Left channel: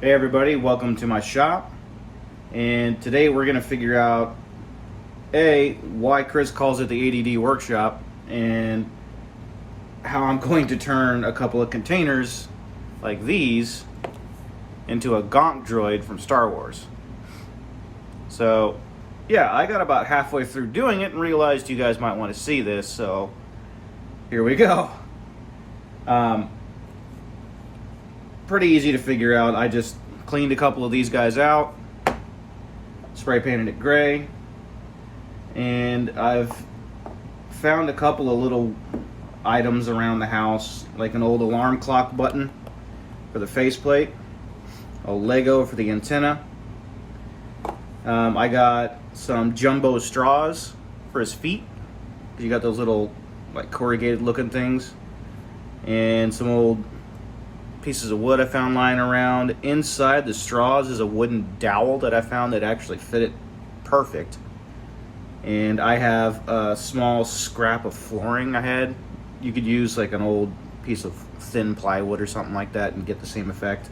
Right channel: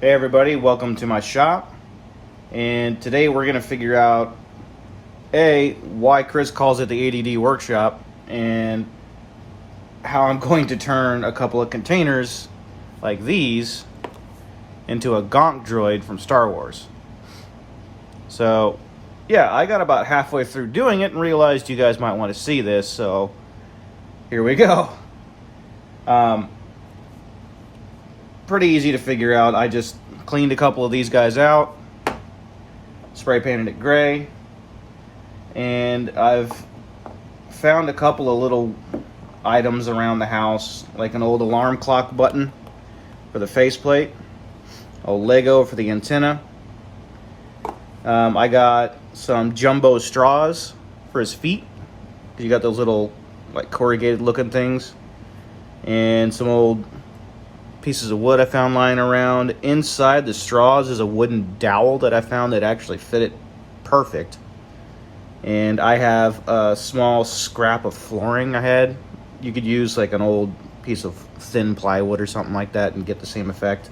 Hey everybody, welcome to my shop. And today we're going to figure out why Chris calls it the ADD workshop, and how I'm going to turn a couple of containers like these into a Gonk droid from Star Wars. So yeah, I got about halfway through doing it and realized you guys might want to see this, so here we go. Pretty easy to figure out. I just cleaned a couple of these guys out, spray painted it gray, and I've found a couple of little items around the house, like an old alarm clock button for the faceplate, a Lego for the antenna. I got some jumbo straws for his feet, because you got those little like corrugated looking things, and some old pieces of wood I found lying around. Inside the straws is a wooden dowel that I found that actually fit it perfect. And I have a small scrap of flooring I had. You could use like an old piece of thin plywood or something like that and get the same effect.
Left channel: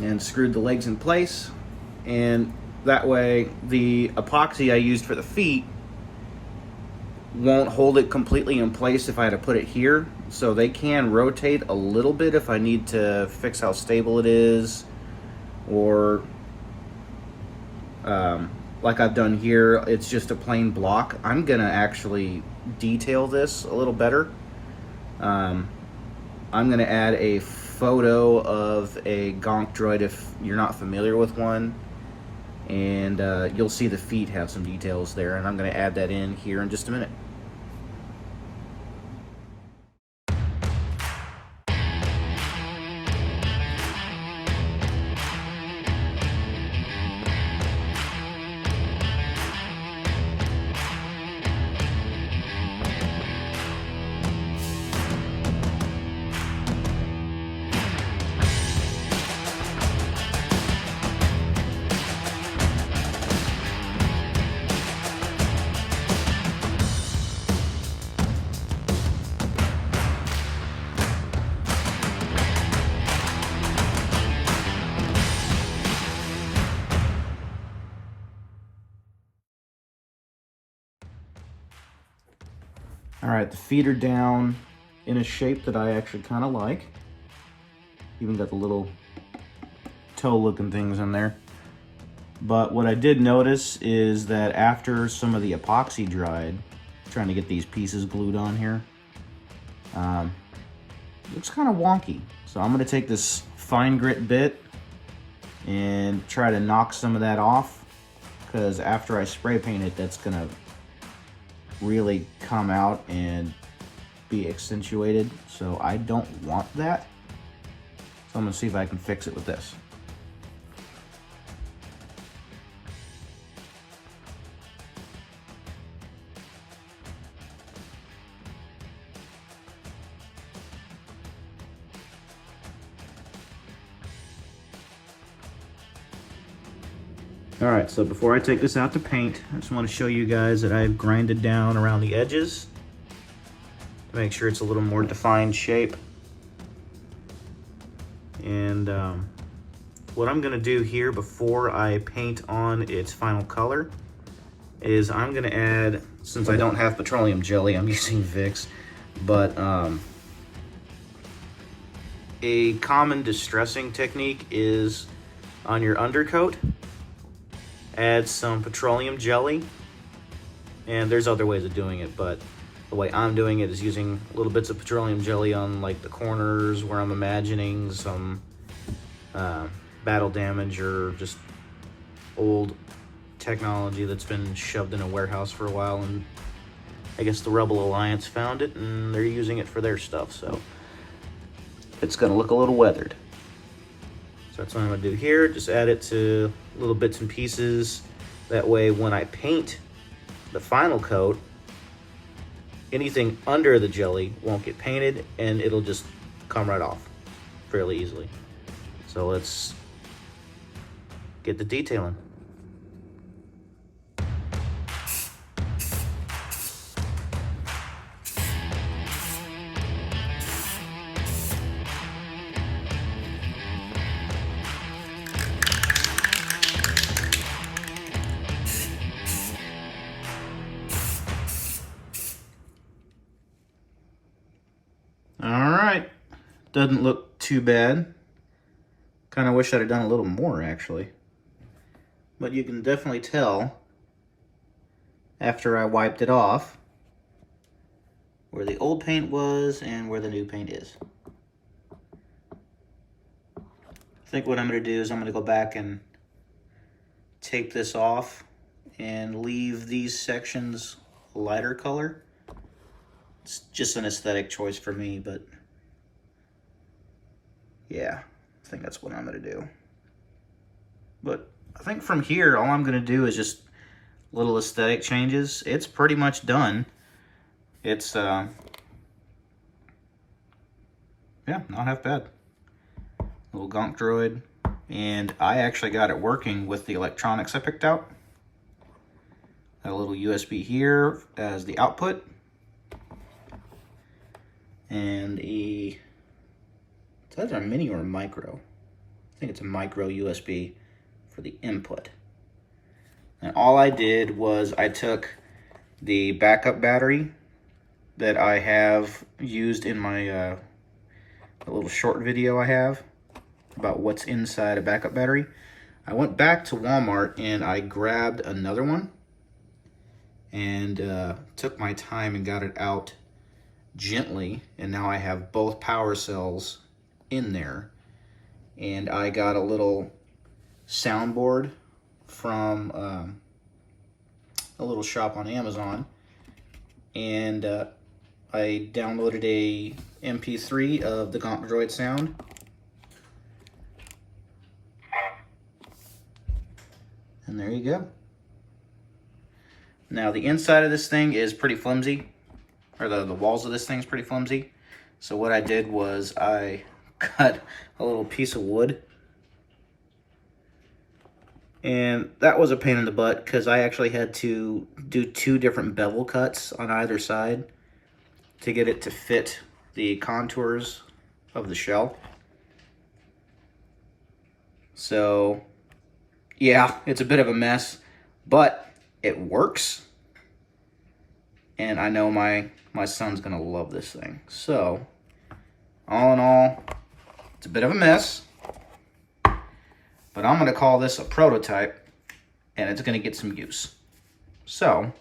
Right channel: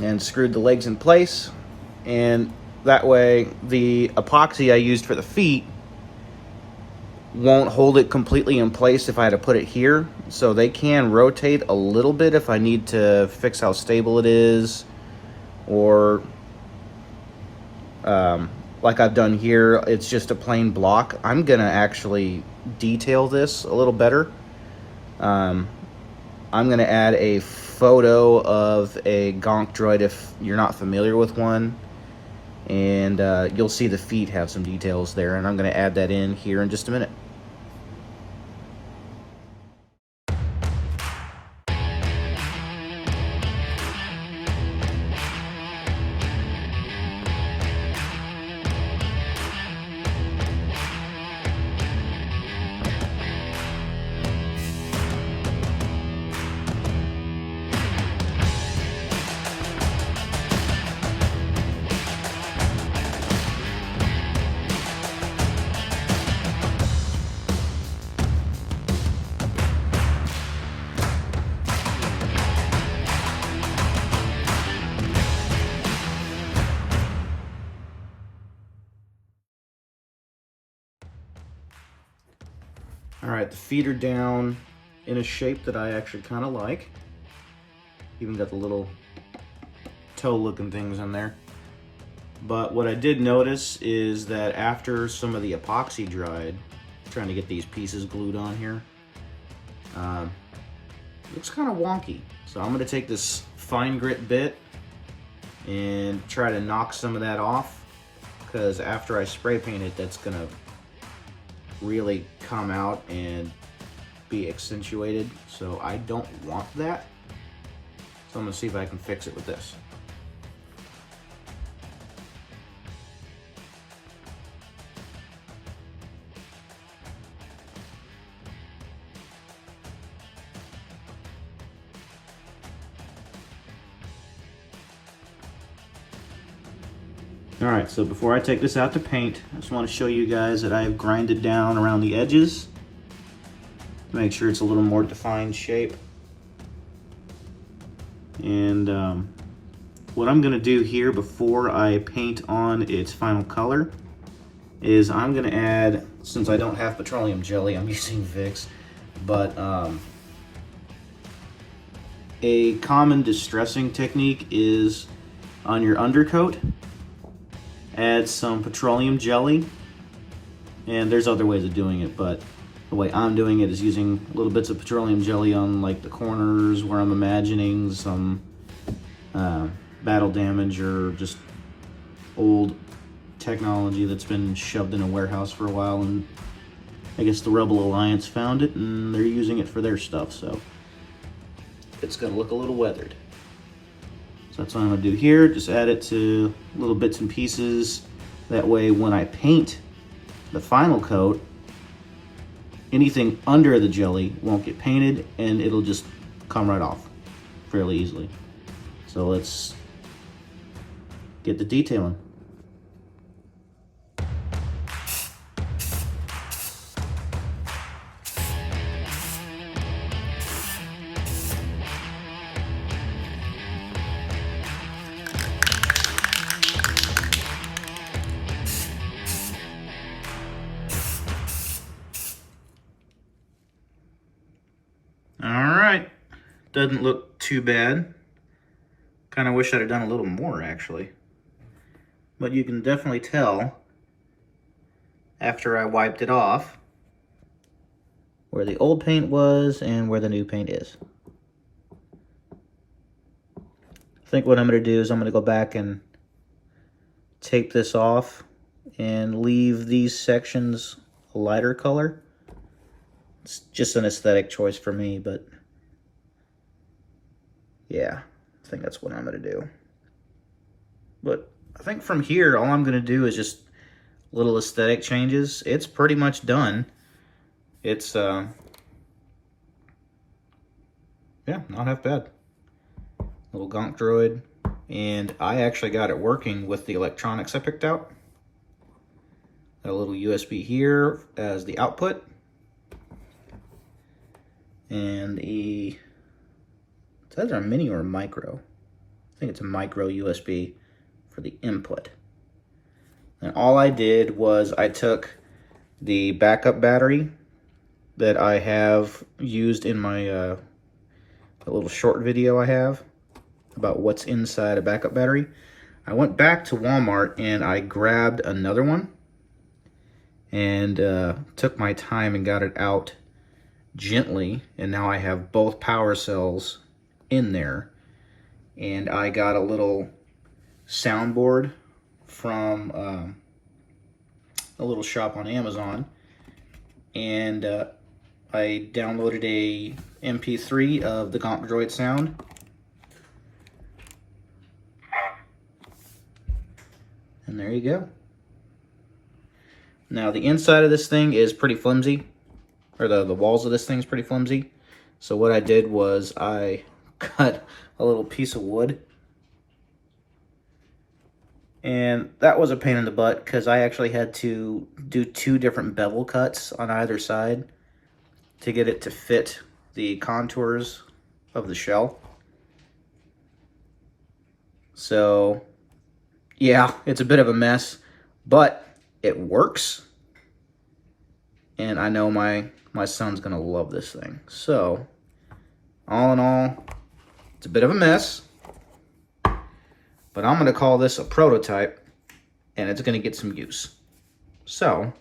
And screwed the legs in place, and that way the epoxy I used for the feet won't hold it completely in place if I had to put it here, so they can rotate a little bit if I need to fix how stable it is, or like I've done here, it's just a plain block. I'm gonna actually detail this a little better. I'm gonna add a photo of a Gonk droid if you're not familiar with one, and you'll see the feet have some details there, and I'm gonna add that in here in just a minute. Alright, the feet are down in a shape that I actually kind of like. Even got the little toe looking things in there. But what I did notice is that after some of the epoxy dried, trying to get these pieces glued on here, looks kind of wonky. So I'm going to take this fine grit bit and try to knock some of that off, because after I spray paint it, that's going to really come out and be accentuated, so I don't want that. So I'm gonna see if I can fix it with this. Alright, so before I take this out to paint, I just want to show you guys that I've grinded down around the edges to make sure it's a little more defined shape. And what I'm going to do here before I paint on its final color is I'm going to add, since I don't have petroleum jelly, I'm using Vicks, but a common distressing technique is on your undercoat, add some petroleum jelly, and there's other ways of doing it, but the way I'm doing it is using little bits of petroleum jelly on like the corners where I'm imagining some battle damage or just old technology that's been shoved in a warehouse for a while, and I guess the Rebel Alliance found it and they're using it for their stuff, so it's gonna look a little weathered. So that's what I'm gonna do here, just add it to little bits and pieces. That way when I paint the final coat, anything under the jelly won't get painted and it'll just come right off fairly easily. So let's get the detailing. Doesn't look too bad. Kind of wish I'd have done a little more, actually. But you can definitely tell, after I wiped it off, where the old paint was and where the new paint is. I think what I'm going to do is I'm going to go back and take this off and leave these sections a lighter color. It's just an aesthetic choice for me, but yeah, I think that's what I'm going to do. But I think from here, all I'm going to do is just little aesthetic changes. It's pretty much done. It's, yeah, not half bad. Little Gonk droid. And I actually got it working with the electronics I picked out. Got a little USB here as the output. And it's either a mini or a micro. I think it's a micro USB for the input. And all I did was I took the backup battery that I have used in my a little short video I have about what's inside a backup battery. I went back to Walmart and I grabbed another one and took my time and got it out gently, and now I have both power cells in there. And I got a little soundboard from a little shop on Amazon, and I downloaded a MP3 of the Gonk Droid sound. And there you go. Now the inside of this thing is pretty flimsy, or the walls of this thing is pretty flimsy. So what I did was I cut a little piece of wood. And that was a pain in the butt because I actually had to do 2 different bevel cuts on either side to get it to fit the contours of the shell. So yeah, it's a bit of a mess, but it works. And I know my son's gonna love this thing. So all in all, it's a bit of a mess, but I'm gonna call this a prototype and it's gonna get some use. So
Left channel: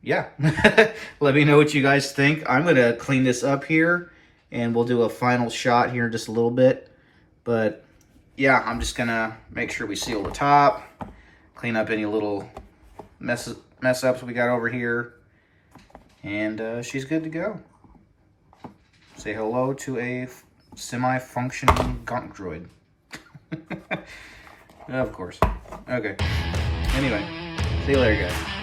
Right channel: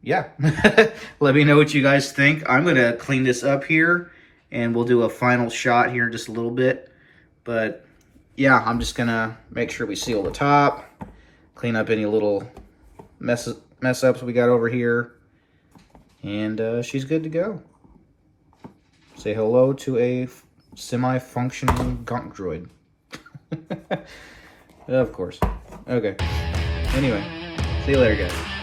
yeah, let me know what you guys think. I'm gonna clean this up here and we'll do a final shot here in just a little bit. But yeah, I'm just gonna make sure we seal the top, clean up any little mess ups we got over here, and she's good to go. Say hello to a semi-functioning Gonk droid. Of course. Okay. Anyway, see you later, guys.